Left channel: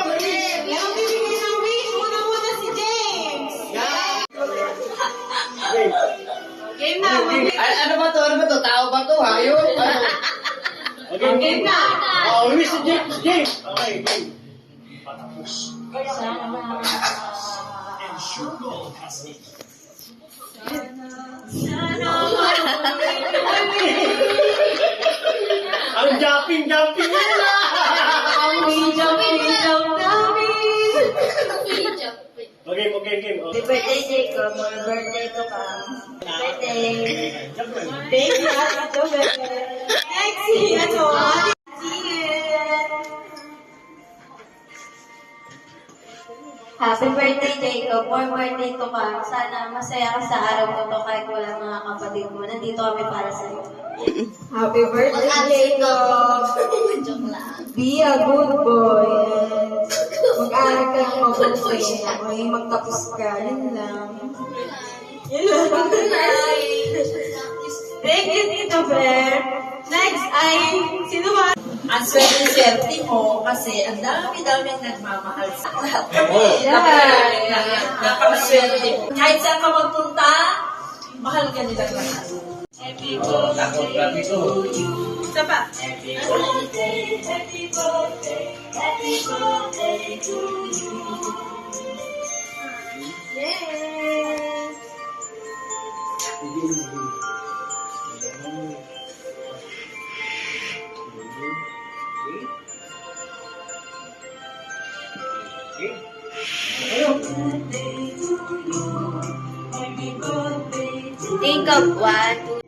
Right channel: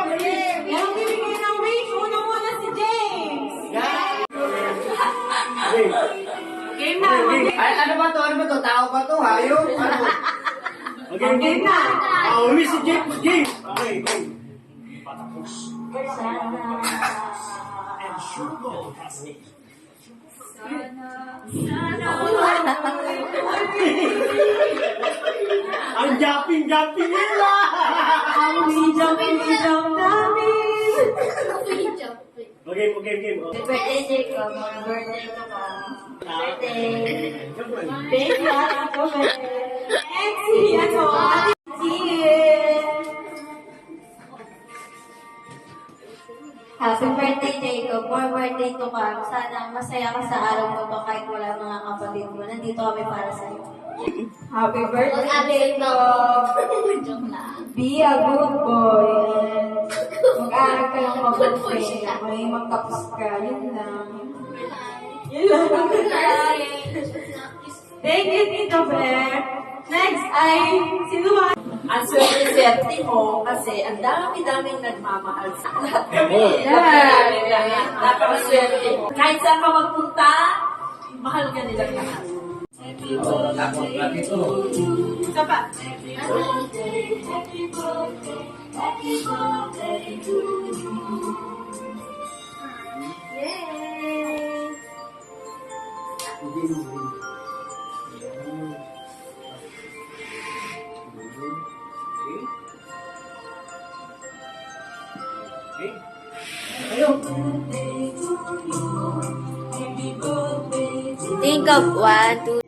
Yung bibigyan ng wish, una-una si James. Game na, Ano ba to? Ano ba to? Tao ba to? Hayop? game na. Wish si James, James. Okay, okay. Ang jumping nila! Ang hijab namin. Okay, okay, okay. Happy birthday, Jacob. Happy birthday to come. Birthday. Baby, ito, baby. Next, si, Ate Happy birthday, Jacob. More birthday to come. Sana masaya ka sa araw mo to kahit wala mga kapatid mo. Nandito kami para sa'yo. Happy birthday, Jacob. Be a good boy. Mag-aaral ka ng mabuti. May magtapos ka. Yun lang. Thank you, Tito Bear. Next ay, sino ba? Ang swerte mo kasi ang dami-daming nagmamahal sa lahat. Napakaswerte mo. Kahit saan ka magpunta, mahal ka nilang lahat. Isa pa. Yay! Think of 1, 2,